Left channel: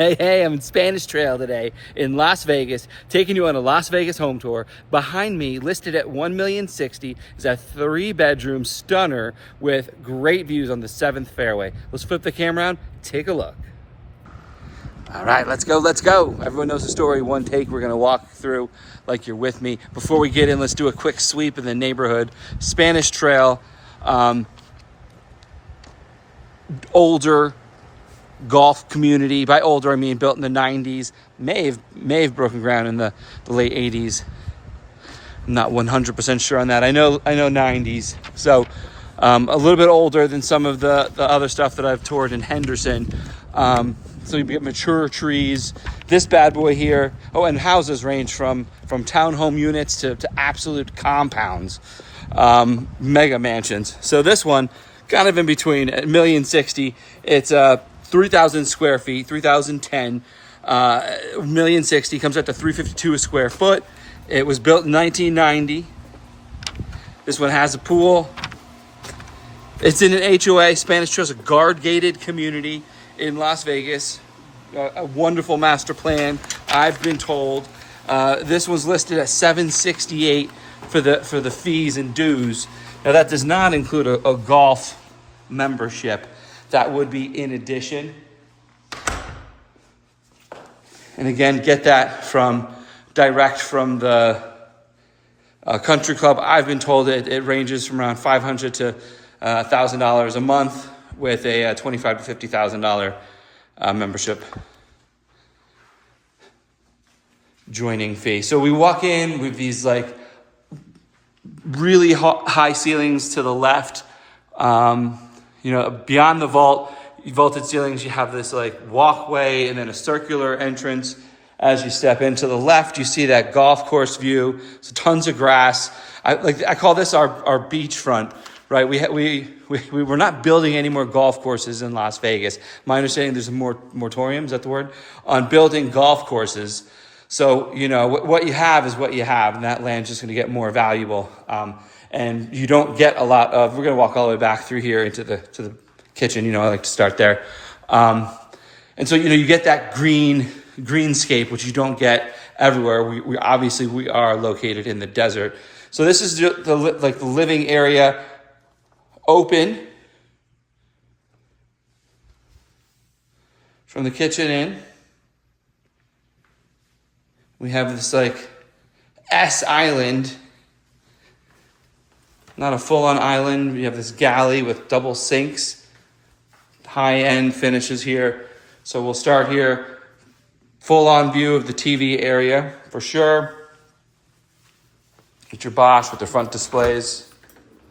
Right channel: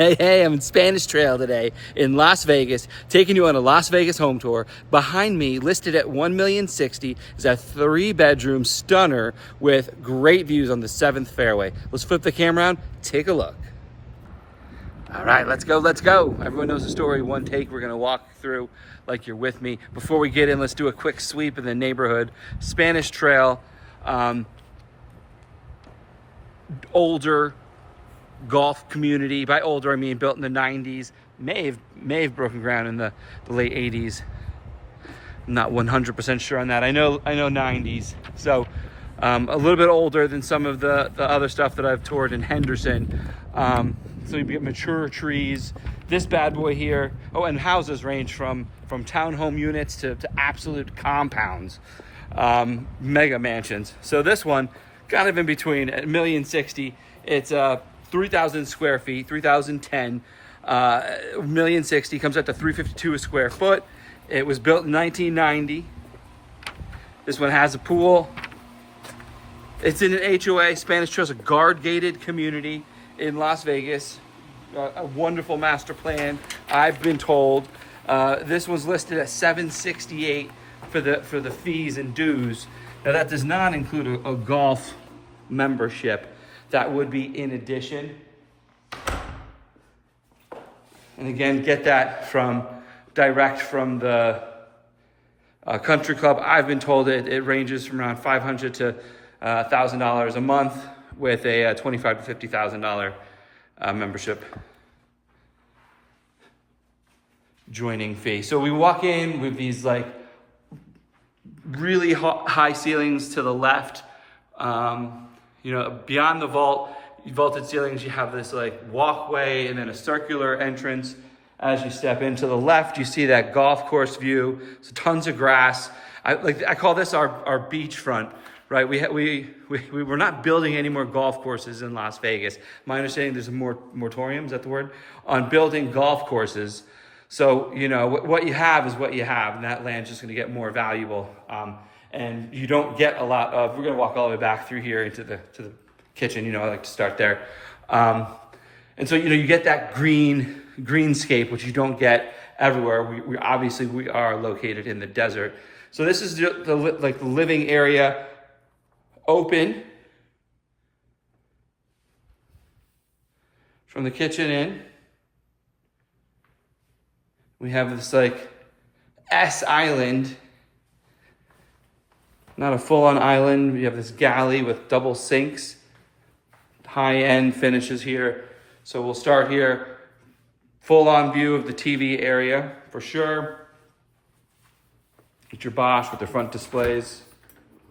Hey, I'm in Spanish Trail today in Las Vegas, taking you on a Las Vegas home tour. Behind me, listed at $1,060,000, is a 3-bedroom stunner with great views on the 7th fairway. Let's flip the camera around, take a look. All right, let's go. Everyone knows the story, one take. We're gonna walk through like you're with me. Before we get in, let's do a quick sweep in the neighborhood. Spanish Trail, older golf community. By older, I mean built in the 90s. May have broken ground in the late 80s. I'm not 100% sure on that. I know 90s. So a little bit older than some of the other stuff that I've toured in Henderson. So you get mature trees. This bad boy here. Oh, and houses range from townhome units to absolute compounds, mega mansions. So this one, kind of in between, at $1,060,000. It's 3,000 square feet, 3,010. $1,060,000 comes out to $352 a square foot. It was built in 1990. This one has a pool. It's in an HOA. Spanish Trail's a guard-gated community in Las Vegas. A wonderful master plan, I've been told. This was listed at $768 for the fees and dues. Now that does not include a golf membership. That would be in addition. And again, get that direct from the country club. I've been told it ranges from around $500 to $1,000 a month with a $25,000 to $50,000 membership joining fee. So we walk in with these like really high ceilings to the left. Beyond the vaulted ceilings, you have this like walkway and then a circular entrance. As you step into the left, you see that golf course view. So tons of grass. I call this our beachfront, right? We're not building any more golf courses in Las Vegas. My understanding, there's a moratorium, is that the word, on building golf courses. So, what you have is what you have, and that land's just going to get more valuable. And you don't get a lot of, we're going to walk all the way back through here to the kitchen. I like to start there. And so, you get that greenscape, which you don't get everywhere. We obviously are located in the desert. So this is the living area, open from the kitchen in. We have this like S island. Not a full-on island. We have this galley with double sinks. High-end finishes here. So we'll start here. Full-on view of the TV area for sure. Get your Bosch with the front displays.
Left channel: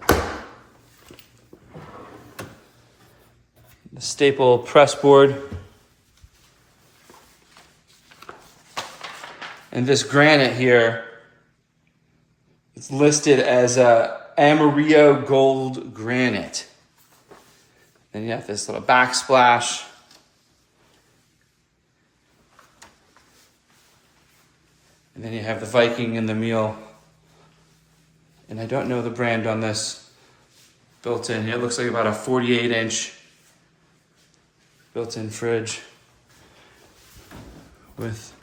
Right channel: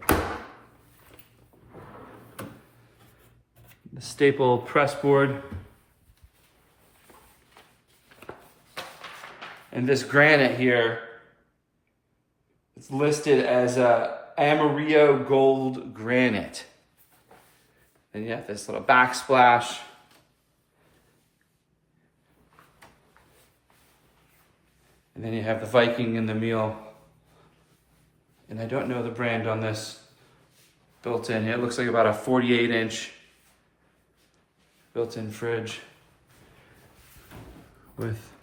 The staple press board. And this granite here, it's listed as Amarillo gold granite. Then you have this little backsplash. And then you have the Viking and the meal. And I don't know the brand on this built in. It looks like about a 48-inch built-in fridge with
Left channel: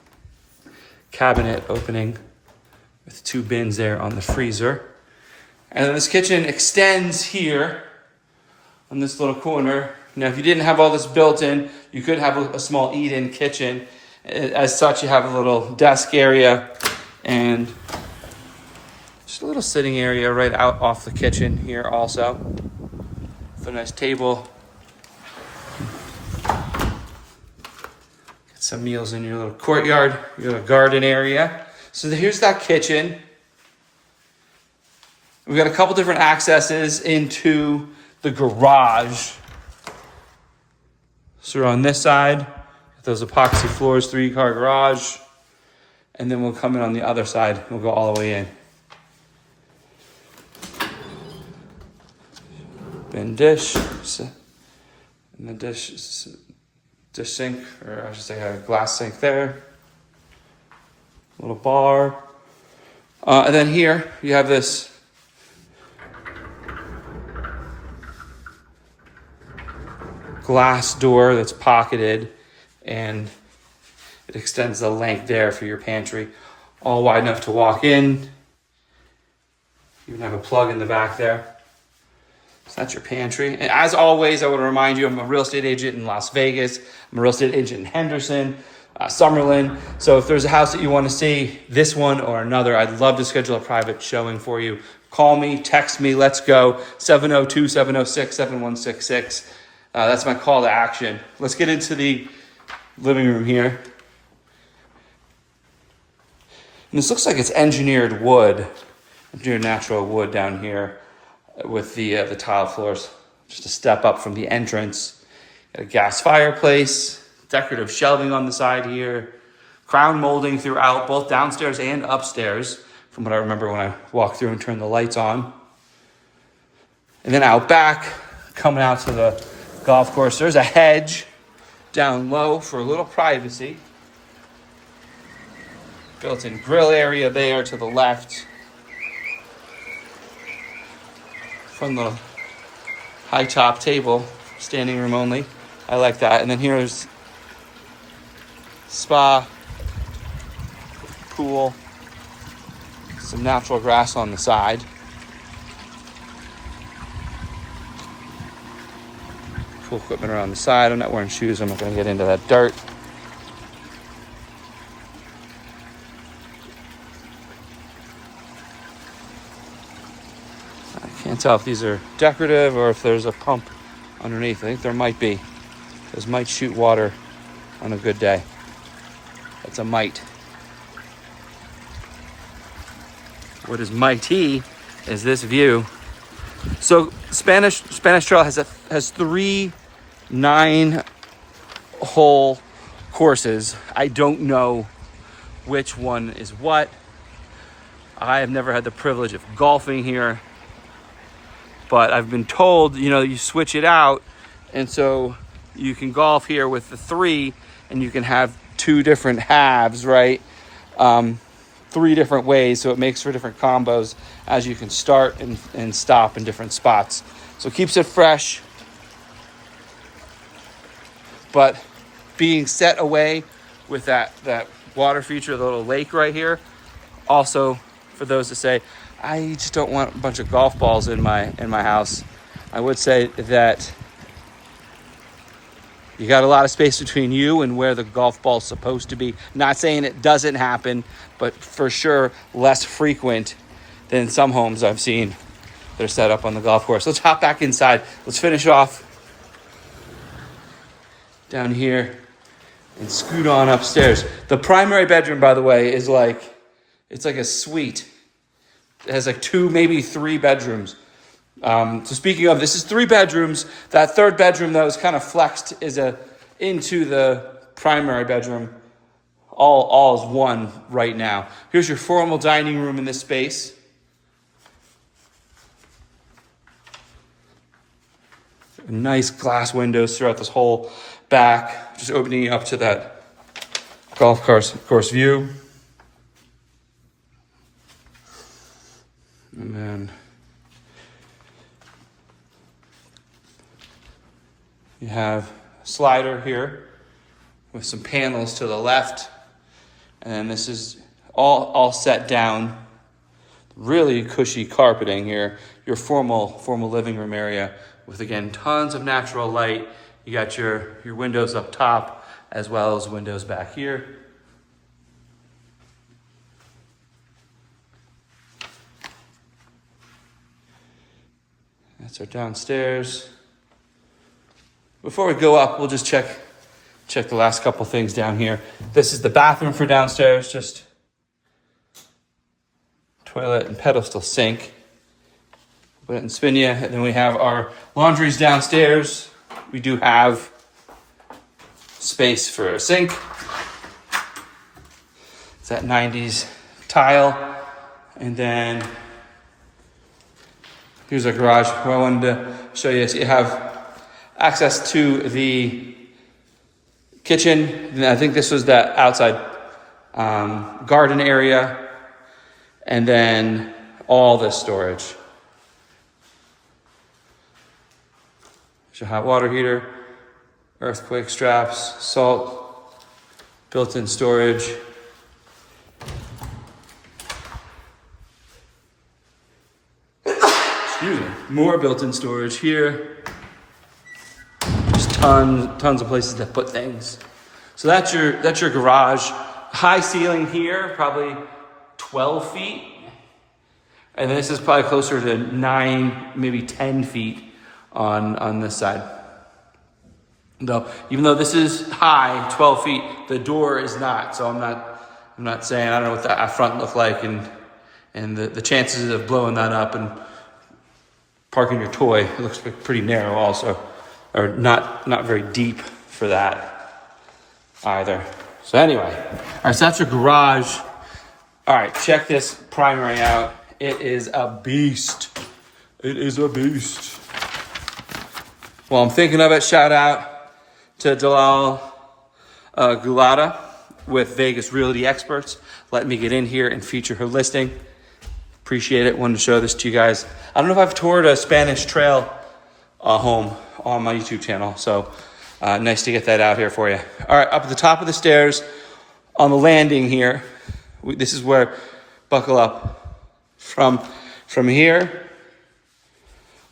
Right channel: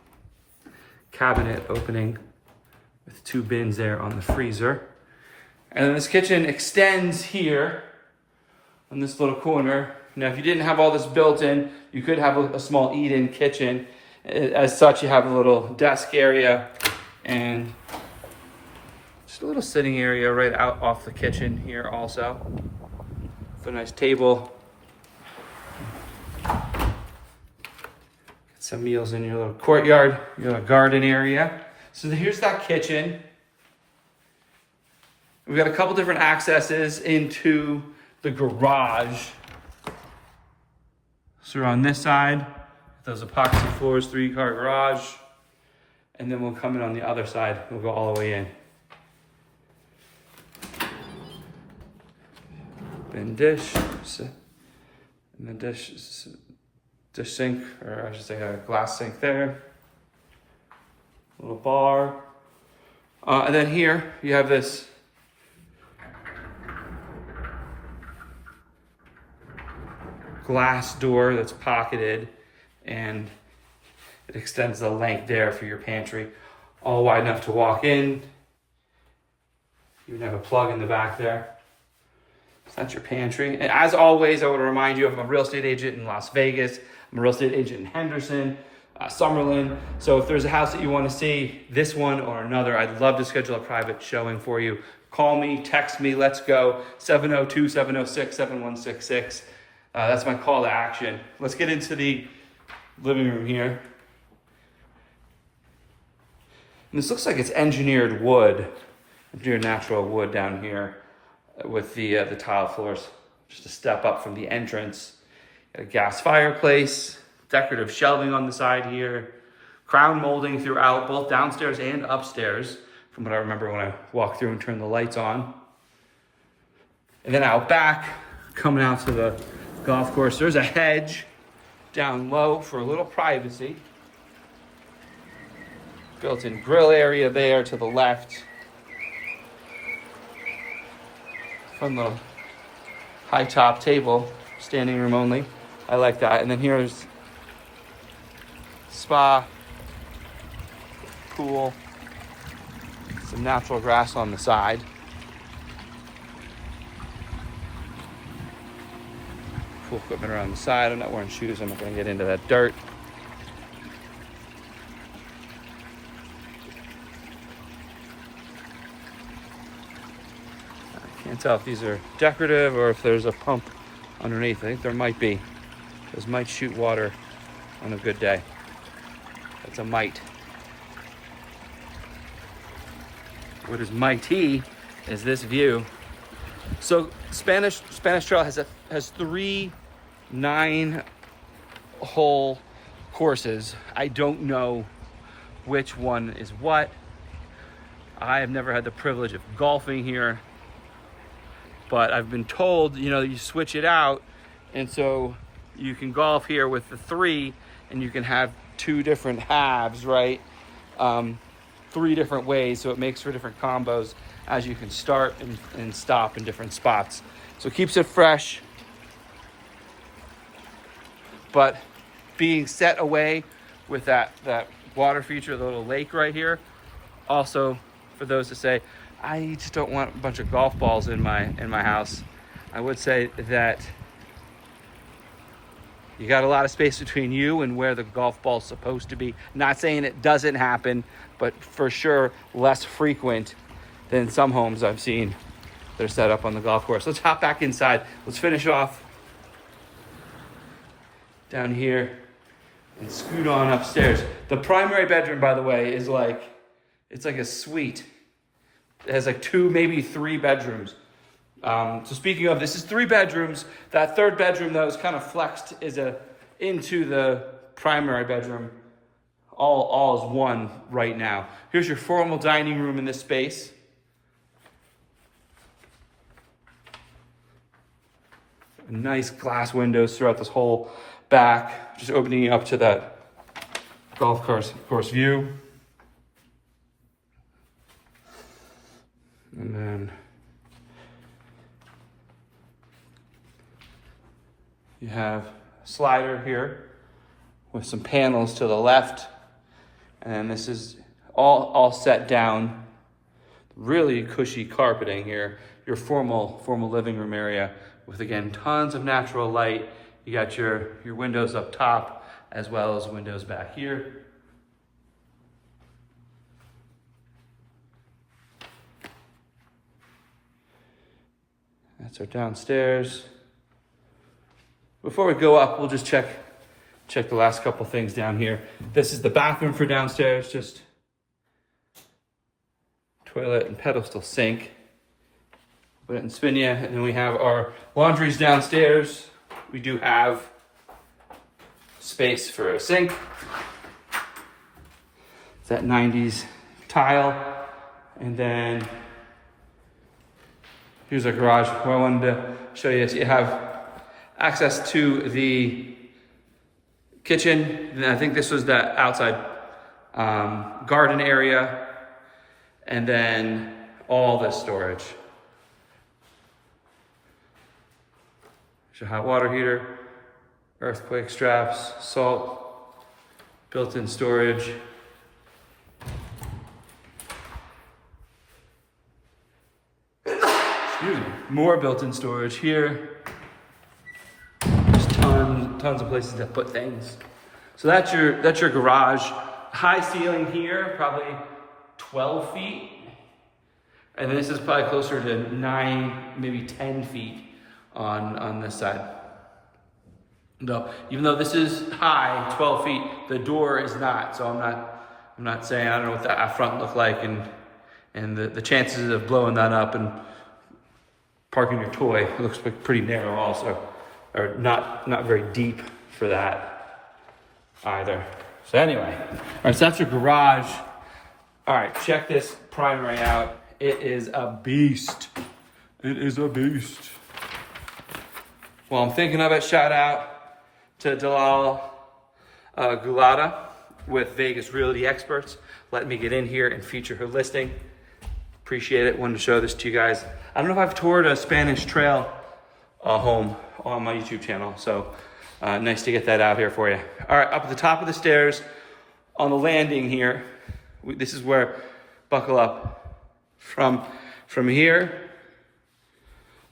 cabinet opening with 2 bins there on the freezer. And then this kitchen extends here on this little corner. Now, if you didn't have all this built in, you could have a small eat-in kitchen. As such, you have a little desk area and just a little sitting area right out off the kitchen here also. With a nice table. Get some meals in your little courtyard, your little garden area. So here's that kitchen. We've got a couple different accesses into the garage. So we're on this side, those epoxy floors, 3-car garage. And then we'll come in on the other side. We'll go all the way in. Bin dish. And the dish sink, or I should say a glass sink there. Little bar. And then here you have this glass door that's pocketed, and It extends the length there for your pantry. All wide enough to walk in. You can have a plug in the back there. So that's your pantry. And as always, I want to remind you, I'm a real estate agent in Las Vegas. I'm a real estate agent in Henderson, Summerlin. So if there's a house that you want to see, this one or another, I'd love to schedule a private showing for you. Call me, text me, let's go. 702-706-7166. That's my call to action. Let's get into the living room here. And this looks like it's engineered wood, engineered natural wood down here with the tile floors. Just a step up from the entrance. Got a gas fireplace, decorative shelving on the side here, crown molding throughout, both downstairs and upstairs, from what I remember when I walked through and turned the lights on. And then out back, coming out to the golf course, there's a hedge down low for a little privacy. Built-in grill area there to the left. From the high top table, standing room only. I like that. And then here's spa, pool, some natural grass on the side. Pool equipment around the side. I'm not wearing shoes. I'm not going to get into that dirt. Can't tell if these are decorative or if there's a pump underneath. I think there might be. Those might shoot water on a good day. That's a might. What is mighty is this view. So Spanish Trail has 3 9-hole courses. I don't know which one is what. I have never had the privilege of golfing here. But I've been told, you switch it out, and so you can golf here with the 3, and you can have 2 different halves, right? 3 different ways, so it makes for different combos as you can start and stop in different spots. So it keeps it fresh, but being set away with that water feature, the little lake right here. Also, for those that say, I just don't want a bunch of golf balls in my house, I would say that you got a lot of space between you and where the golf ball's supposed to be. Not saying it doesn't happen, but for sure less frequent than some homes I've seen that are set up on the golf course. Let's hop back inside. Let's finish off down here and scoot on upstairs. The primary bedroom, by the way, is it's like a suite. It has 2, maybe 3 bedrooms. So speaking of, this is 3 bedrooms. That 3rd bedroom, though, is kind of flexed into the primary bedroom. All is one right now. Here's your formal dining room in this space. Nice glass windows throughout this whole back, just opening up to that golf course view. And then you have a slider here with some panels to the left. And then this is all set down. Really cushy carpeting here. Your formal living room area with, again, tons of natural light. You got your windows up top as well as windows back here. That's our downstairs. Before we go up, we'll just check the last couple things down here. This is the bathroom for downstairs, just toilet and pedestal sink. Put it in Spinia, and then we have our laundries downstairs. We do have space for a sink. It's that 90s tile. And then here's our garage where I wanted to show you. So you have access to the kitchen. And I think this was that outside garden area. And then all this storage. There's your hot water heater, earthquake straps, salt, built-in storage. Excuse me. More built-in storage here. Just tons of places to put things. So that's your garage. High ceiling here, probably 12 feet. And then this is probably closer to 9, maybe 10 feet on this side. No, even though this is high, 12 feet, the door is not. So I'm not saying, I don't know what that front look like, and the chances of blowing that up and parking your toy, it looks pretty narrow also, or not very deep for that either. So anyway, all right, so that's your garage. All right, check this primary out. It is a beast. It is a beast. Well, I'm thinking of it, shout out to Dalal Gulata with Vegas Realty Experts. Let me get in here and feature her listing. Appreciate it. Wanted to show this to you guys. I don't know if I've toured a Spanish Trail home on my YouTube channel, so nice to get that out here for you. All right, up at the top of the stairs on the landing here, this is where, buckle up, from here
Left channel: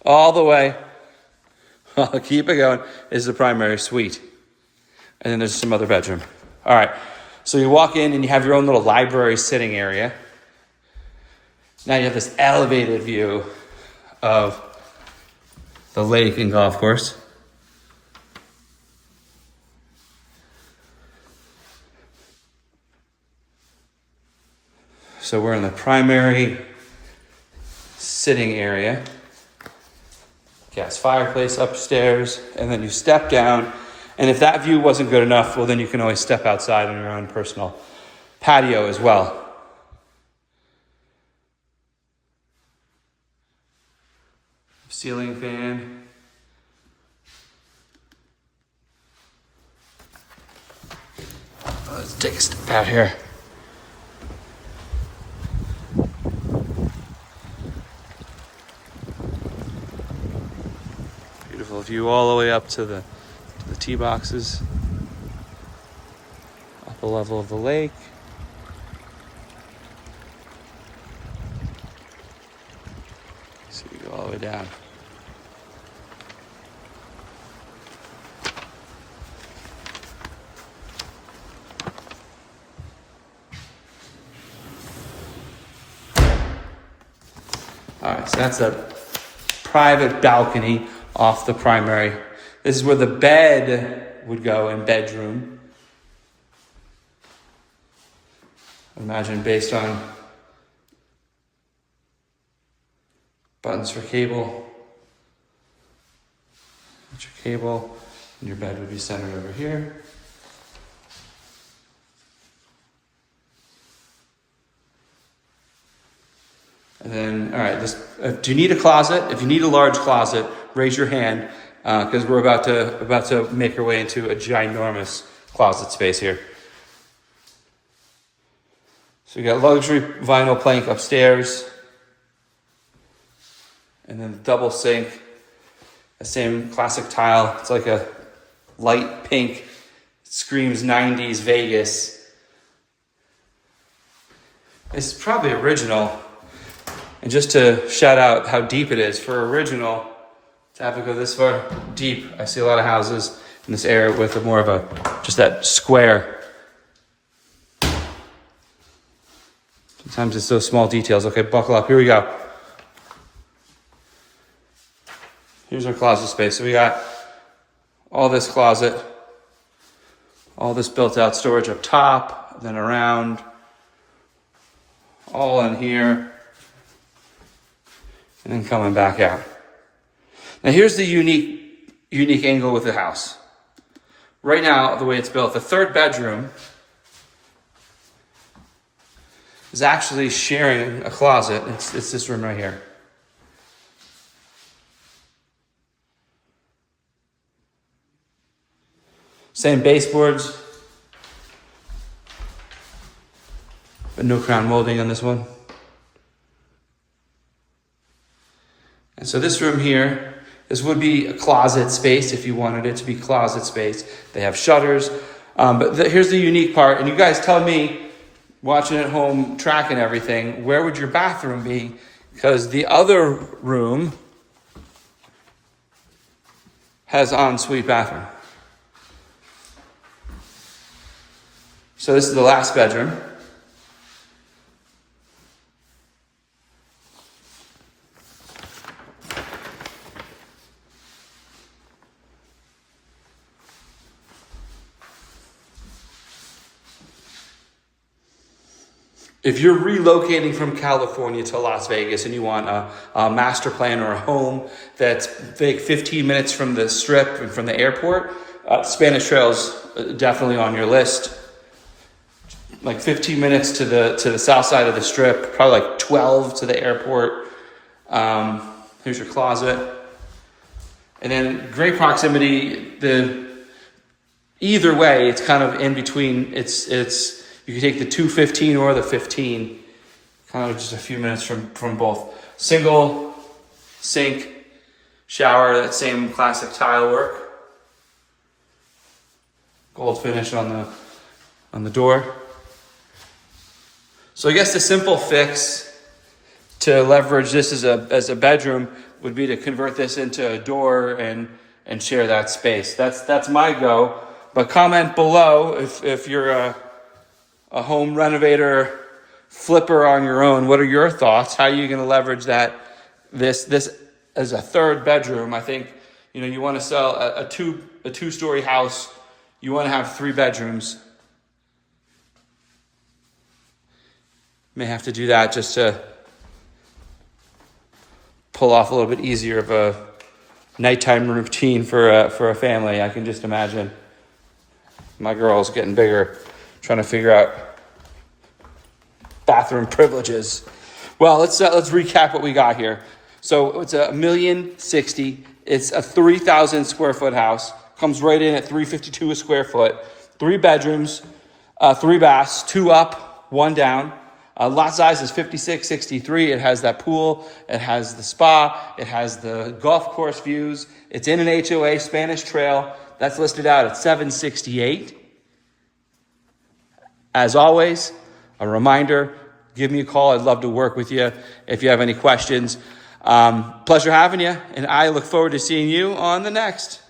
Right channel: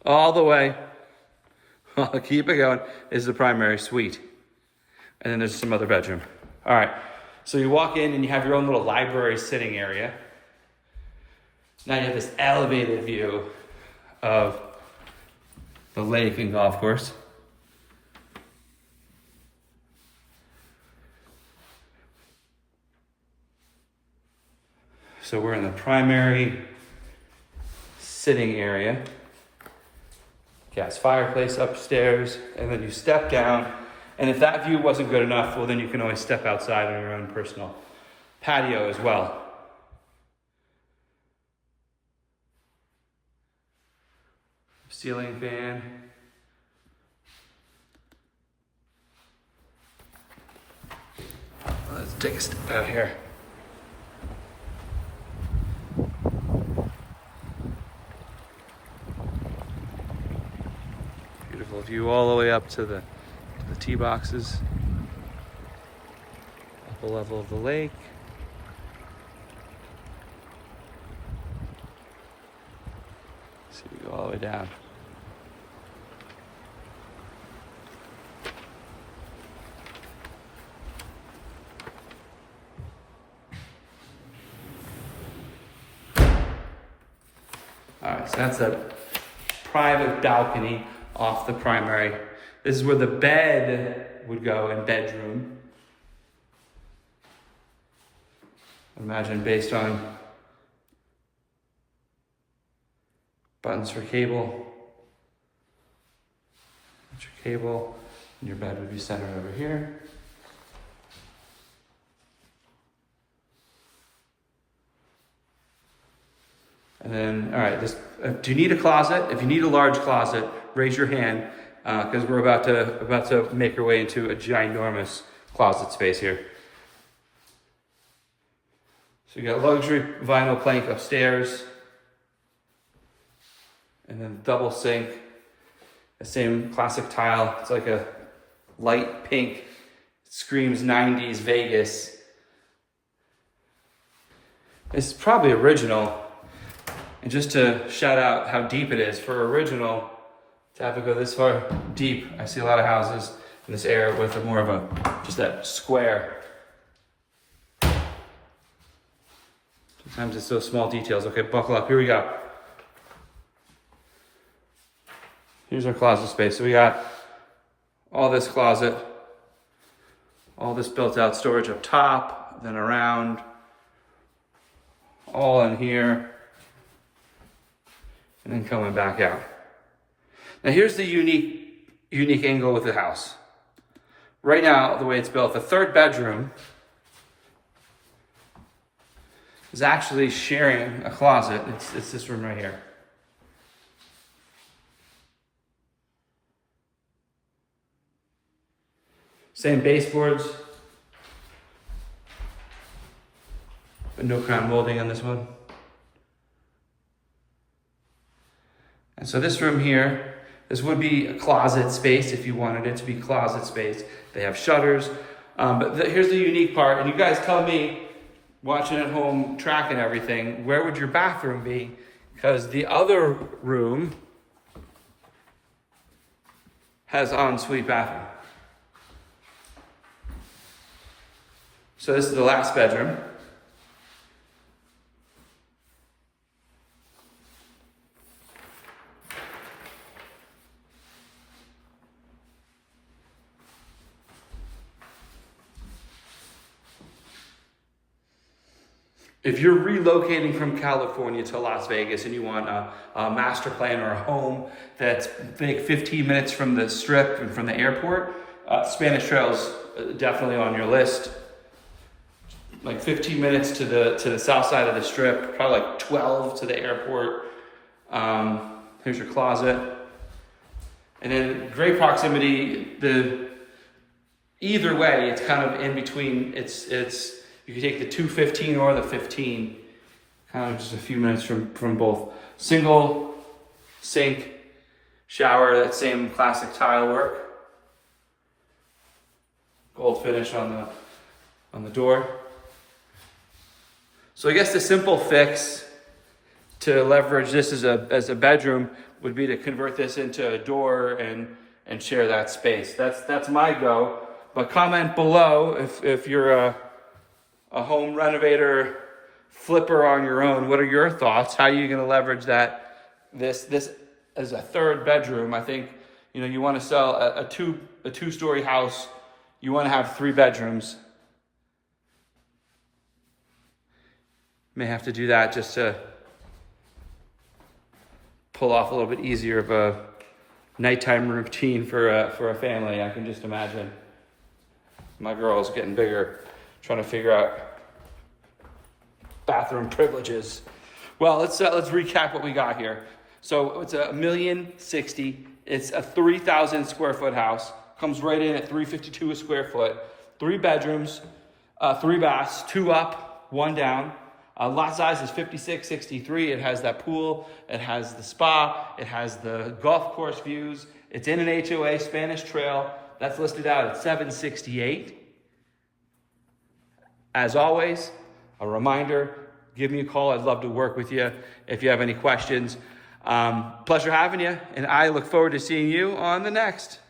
all the way, I'll keep it going, is the primary suite. And then there's some other bedroom. All right, so you walk in and you have your own little library sitting area. Now you have this elevated view of the lake and golf course. So we're in the primary sitting area. Gas fireplace upstairs, and then you step down. And if that view wasn't good enough, well, then you can always step outside on your own personal patio as well. Ceiling fan. Let's take a step out here. Beautiful view all the way up to the tee boxes. Upper level of the lake. So you go all the way down. All right, so that's a private balcony off the primary. This is where the bed would go in bedroom. Imagine based on buttons for cable. That's your cable, and your bed would be centered over here. And then, all right, do you need a closet? If you need a large closet, raise your hand, because we're about to make our way into a ginormous closet space here. So we got luxury vinyl plank upstairs, and then double sink, the same classic tile. It's like a light pink, it screams 90s Vegas. It's probably original. And just to shout out how deep it is, for original, to have it go this far deep, I see a lot of houses in this area with more of a, just that square. Sometimes it's those small details. Okay, buckle up, here we go. Here's our closet space. So we got all this closet, all this built out storage up top, then around, all in here. And then coming back out. Now here's the unique angle with the house. Right now, the way it's built, the third bedroom is actually sharing a closet. It's this room right here. Same baseboards, but no crown molding on this one. And so this room here, this would be a closet space if you wanted it to be closet space. They have shutters Here's the unique part, and you guys tell me, watching at home, tracking everything, where would your bathroom be? Because the other room has ensuite bathroom. So this is the last bedroom. If you're relocating from California to Las Vegas and you want a master plan or a home that's like 15 minutes from the strip and from the airport, Spanish Trail's definitely on your list. Like 15 minutes to the south side of the strip, probably like 12 to the airport. Here's your closet. And then great proximity. Either way, it's kind of in between. You can take the 215 or the 15, kind of just a few minutes from both. Single sink, shower, that same classic tile work. Gold finish on the door. So I guess the simple fix to leverage this as a bedroom would be to convert this into a door and share that space. That's my go. But comment below if you're a home renovator, flipper on your own. What are your thoughts? How are you going to leverage that? This as a third bedroom. I think you want to sell a two-story house. You want to have 3 bedrooms. May have to do that just to pull off a little bit easier of a nighttime routine for a family. I can just imagine. My girl's getting bigger, trying to figure out bathroom privileges. Well, let's recap what we got here. So it's $1,060,000. It's a 3,000 square foot house. Comes right in at $352 a square foot. 3 bedrooms, 3 baths, 2 up, 1 down. Lot size is 5663. It has that pool. It has the spa. It has the golf course views. It's in an HOA, Spanish Trail. That's listed out at $768. As always, a reminder, give me a call. I'd love to work with you if you have any questions. Pleasure having you, and I look forward to seeing you on the next.